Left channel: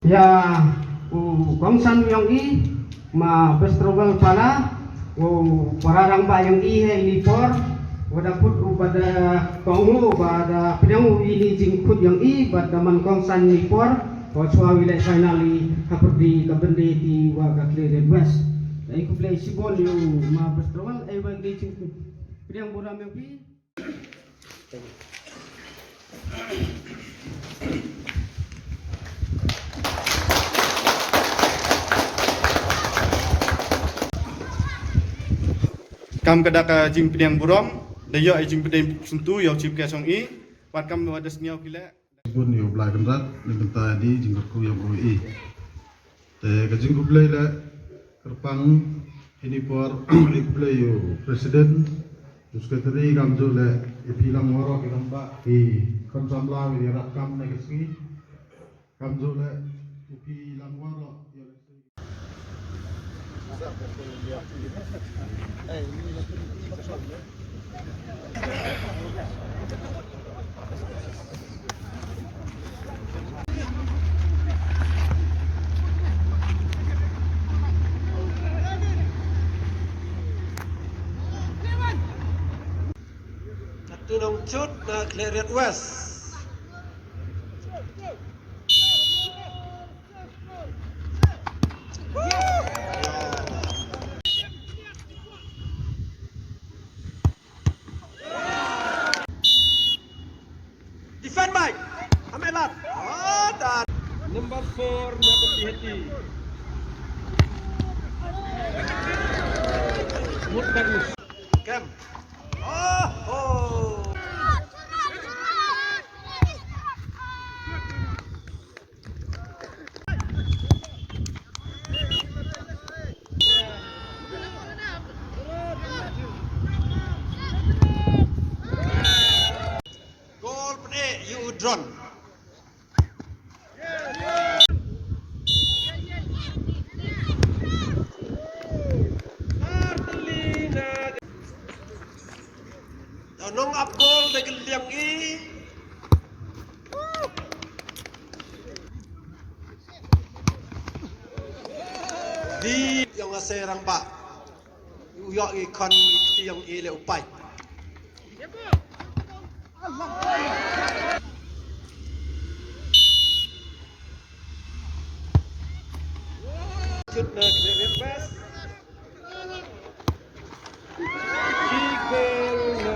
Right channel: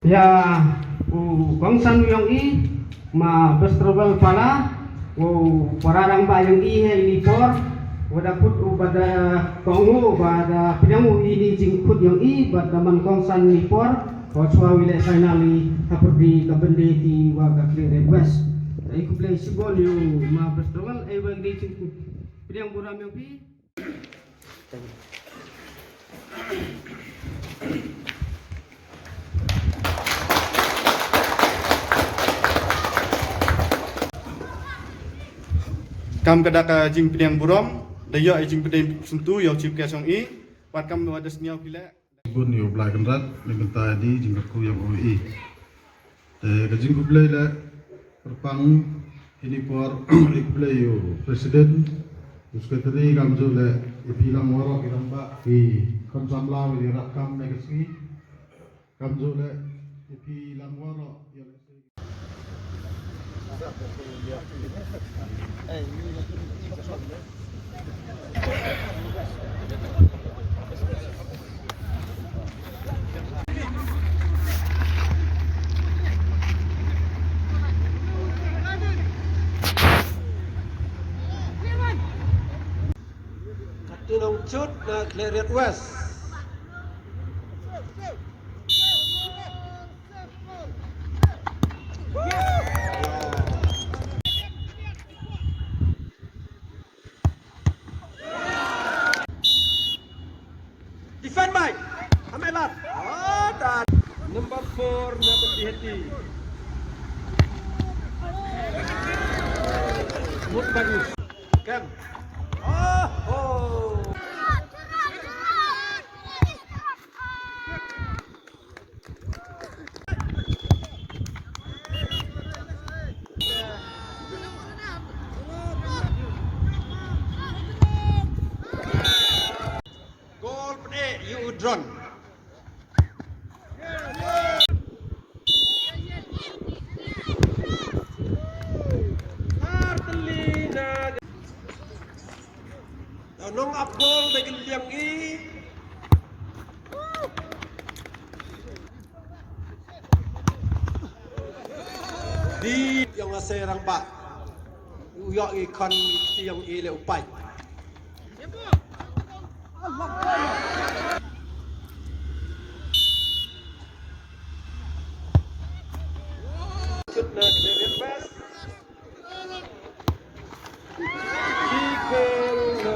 Ya, bangsan yang berstrobel pala, pararang ba yang ini por, wadaput pada kongo pada pedang ini jingkut yang pada man kongsan ni por, waswa wilayah finali haperdi kabende di waga kiri west. Iku play sibol yung berstrobel, bagi jingkut pedang buram yang Kam kedak jing pedang buram, daya jing pedang sentu yang cip kesong wat kam ada senyau kila. Pun yo belakang rat ni benta di jingku yang OI. Te kajing play la kerpang ini por play yo presiden sekretari kamjul la ipi lang waro kita mbak di kam samla wi rat kam negesi kamjul la ipi lang waro yo Tunong cut na Clarion West. Defend back. Amelat. Dan number 4 na hati. Mut bagus. Kam. Gol pede Udron. Nong up goal dengan yang di yang serang pak uyak ikon yang ile upai shoot na reverse di goal na